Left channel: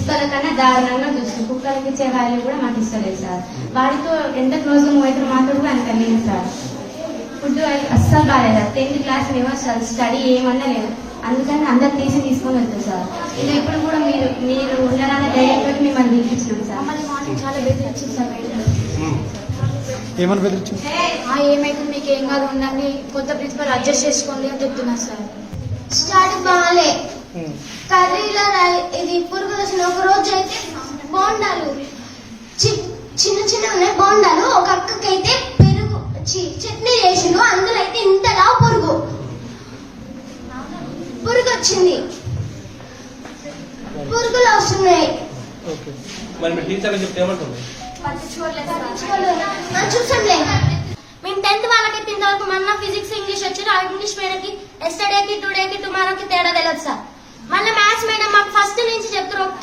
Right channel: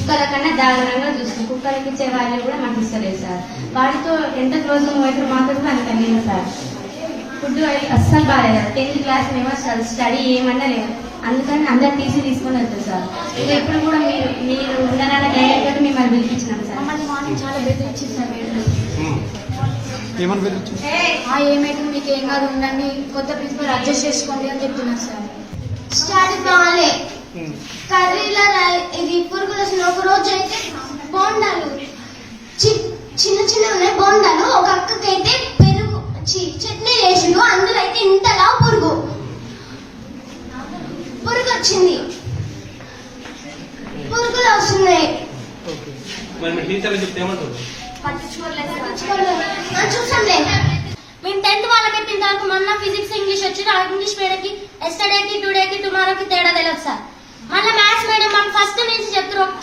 కుక్కల కన్నా దారుణంగా చూస్తుంది. కుక్కలకి ఇచ్చే వాల్యూ కూడా మాకు ఇస్తలేదు సార్. వాడితో ఎంత క్లోజ్ అయితే మాకు కూడా అంత లేదు సార్. ఫుడ్ అస్సలు బాగాలేదు. 10th క్లాస్ మేము అసలు స్టడీ ఏమన్నా లేదు. అందుకని అందరు తీసుకొని వెళ్తాం సార్. ఇది ఎప్పుడు కూడా మీరు ఉన్నారన్న డైరెక్ట్ మిమ్మల్ని పిలిపించినాం సార్. చాలా బెదిరించింది సార్. ఏమైతే మీకు ఏం కాదు ఉండండి, కొత్త ప్రిన్సిపల్ అడ్జస్ట్ చేసుకోండి అని చెప్తున్నారు సార్. స్టడీ బాగాలే, కర్రీలో ఇది పురుగు దశను. ఒక రోజు అయితే బోండాలు చిన్న చిన్న ఉన్నాయి బోండాలు. ఒక అక్కకైతే పెరుగు చట్నీ చేసిండు, అందులో అయితే ఇంతలా పురుగు వచ్చింది. పురుగులు వస్తున్నాయి. చూసాంలే. మేము 10th వాళ్ళకి ఇంతవరకు మొన్న ఫిజిక్స్ ఇంగ్లీష్ వచ్చిన ఇంగ్లీష్ మీడియంకి ఎస్టర్డేకి టుడేకి టుమారోకి తేడా తెలియదు సార్. మళ్ళీ మ్యాథ్స్ మీడియం మాకు ఫస్ట్ నుంచి చెప్తారు. ఒక్క